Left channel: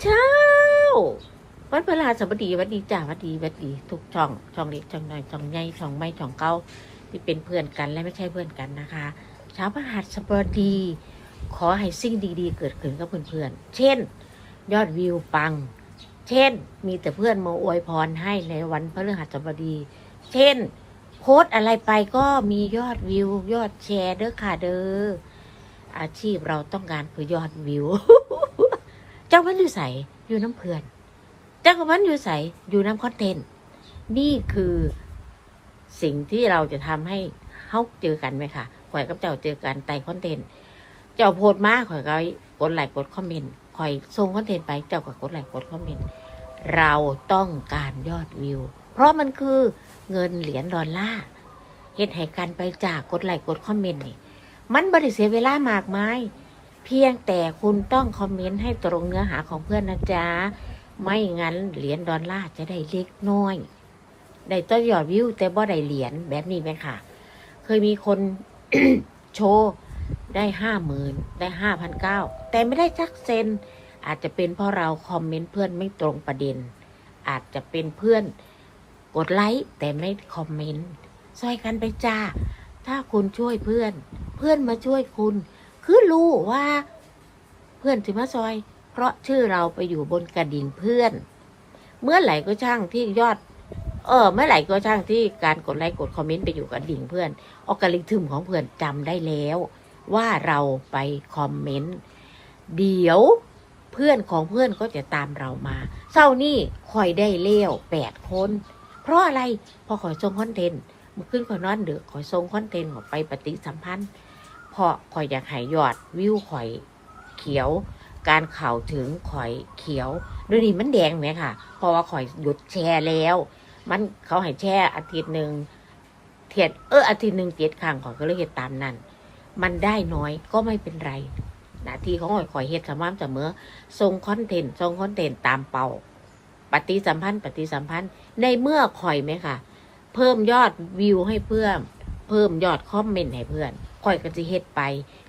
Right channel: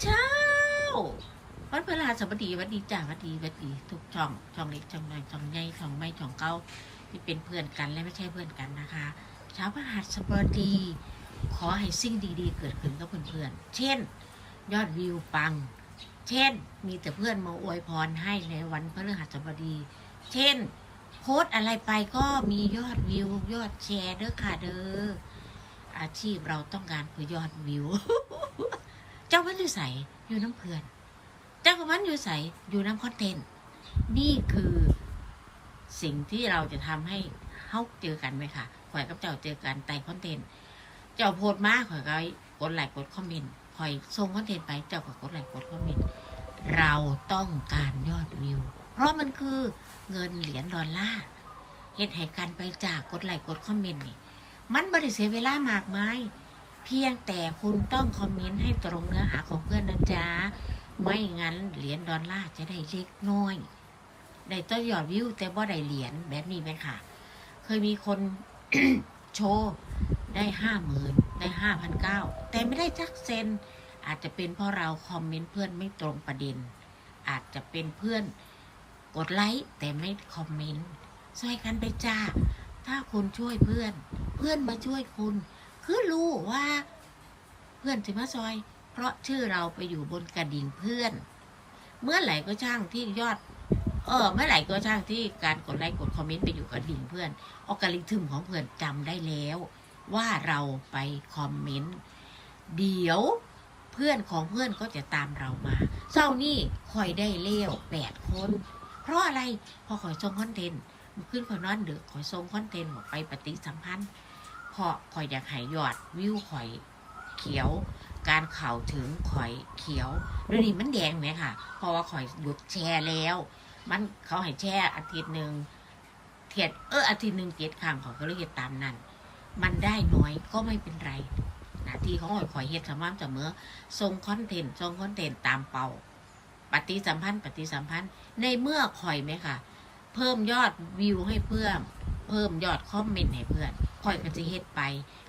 เช้า วันพฤหัสบดีวันดีจ้าวันดีวันดี ทุกช่อง ช่องเล็กช่องน้อยช่องใหญ่ช่องไม่ช่องเก้าที่เป็นเพื่อนกันและไม่ใช่เพื่อนกันนะคะ เช้าพฤหัสบดี ขอให้สิ่งดีๆ เกิดขึ้นกับเพื่อนๆ เช่น ยอดวิวปัง เช่น มีแต่เพื่อนมาอวยพรให้ในวันพฤหัสบดี เช่น โพสอะไรไปก็มียอดวิว ยอดแชร์เด้อค่ะเด้ออาชีพเราต้องการคือยอดวิว จ้ามันอยู่ใสอยู่น้ำเพื่อน เจ้าของมันอยู่ใสอยู่น้ำคอนเทนต์นี่คือสิ่งที่เราจะทำให้เขาเจอกันไหมค่ะข่อยกับเจ้าเจอกันไต่คอนเทนต์ เจ้าโพสมาข่อยก็กดไลค์กดคอมเมนต์ข่อยส่งคอนเทนต์ไปเจ้าก็กดไลค์กดคอมเมนต์ เราต้องการยอดวิว เพราะมันคือเงินเหรียญดอลลาร์เฮ็ดให้กันไปจากกดไลค์กดคอมเมนต์นี่ มันบริเสียเวลามากมาย เพียงแต่คุณต้องคอมเมนต์ให้ตรงเนื้อหาของเพื่อนนะจ๊ะ ไม่งั้นเหรียญดอลลาร์จะได้เล็กน้อย ได้ต้นยอดวิวแต่บ่ได้เหรียญแบบนี้ไหมค่ะ เคยมีคนโชว์ได้ห้าหมื่นได้ห้าพันเก้าแต่ไม่ได้จักเซน อาจจะเป็นเพราะเราคอมเมนต์เพื่อนไม่ตรงประเด็น อาจจะเป็นเพื่อนกดไลค์แต่ไม่คอมเมนต์ซอยกันไปจ้า ถ้าคุณช่วยเพื่อน เพื่อนมาช่วยคุณ คือรู้ว่าเพื่อนถึงมาซอย เพราะชื่อเราไปอยู่บนกระดิ่งเพื่อน เมื่อไหร่ก็ช่างที่ยอด เออ เมื่อไหร่ก็ช่างที่การกดไลค์กดคอมเมนต์ไปอยู่กับดิ่งเพื่อนออกกริทึมของเพื่อนจำได้แล้ว ว่าเราไปคอมเมนต์เดี๋ยวเพื่อนของเพื่อนก็จะตามเรามาเศร้านี่คอยได้เลี้ยวแปดคน เพราะอะไรพอคอยส่งคอนเทนต์มันขึ้นคอยนอนเดือคอยส่งคอนเทนต์ออกไปปฏิสัมพันธ์ เพราะคอยอยากให้ยอดวิวคอยเขียว การเข่าถึงคอยเขียวดี๋ยนี้มันแดงไหมค่ะ เพราะว่าคอยหยุดแชร์แล้ว มันเขาให้แช่อาทิตย์หนึ่งเทียดเอออาทิตย์หนึ่งเจ็ดครั้งขอยก็เลยเฮ็ดตามนั้น มันได้น้อยก็ไม่เป็นไรหน้าที่ของข่อยข่อยเฮ็ดสม่ำเสมอส่งคอนเทนต์ส่งคอนเทนต์ตามเป้าปฏิสัมพันธ์ ปฏิสัมพันธ์ในเมื่อข่อยไหมค่ะ เพิ่มยอดวิวให้เพื่อน เพิ่มยอดคอมเมนต์ให้เพื่อนข่อยก็จะเฮ็ดไป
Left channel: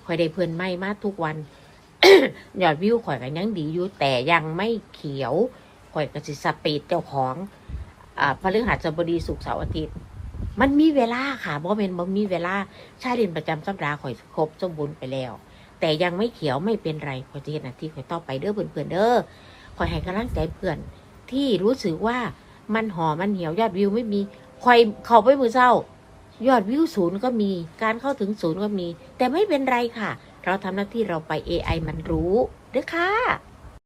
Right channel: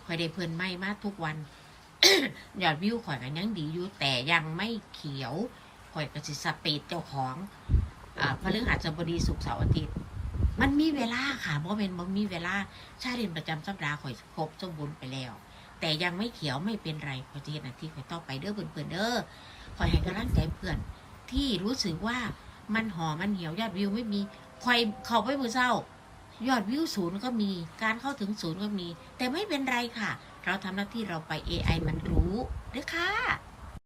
ข่อยได้เพื่อนใหม่มาทุกวันยอดวิวข่อยก็ยังดีอยู่แต่ยังไม่เขียวข่อยก็สิสปีดเจ้าของอ่าพฤหัสบดีศุกเสาร์อาทิตย์ มันมีเวลาค่ะบ่เป็นบ่มีเวลาชาเรียนประจำสัปดาห์ข่อยครบสมบูรณ์ไปแล้ว แต่ยังไม่เขียวไม่เป็นไรข่อยจะเห็นหน้าที่ข่อยต่อไปเด้อเพื่อนๆเด้อข่อยให้กำลังใจเพื่อน ที่รู้สึกว่ามันห่อมันเหี่ยวยอดวิวไม่มีข่อยเข้าไปมือเศร้า ยอดวิวศูนย์ก็มี การเข้าถึงศูนย์ก็มี แต่ไม่เป็นไรค่ะ เราทำหน้าที่เราไป AI มันรู้เด้อค่ะ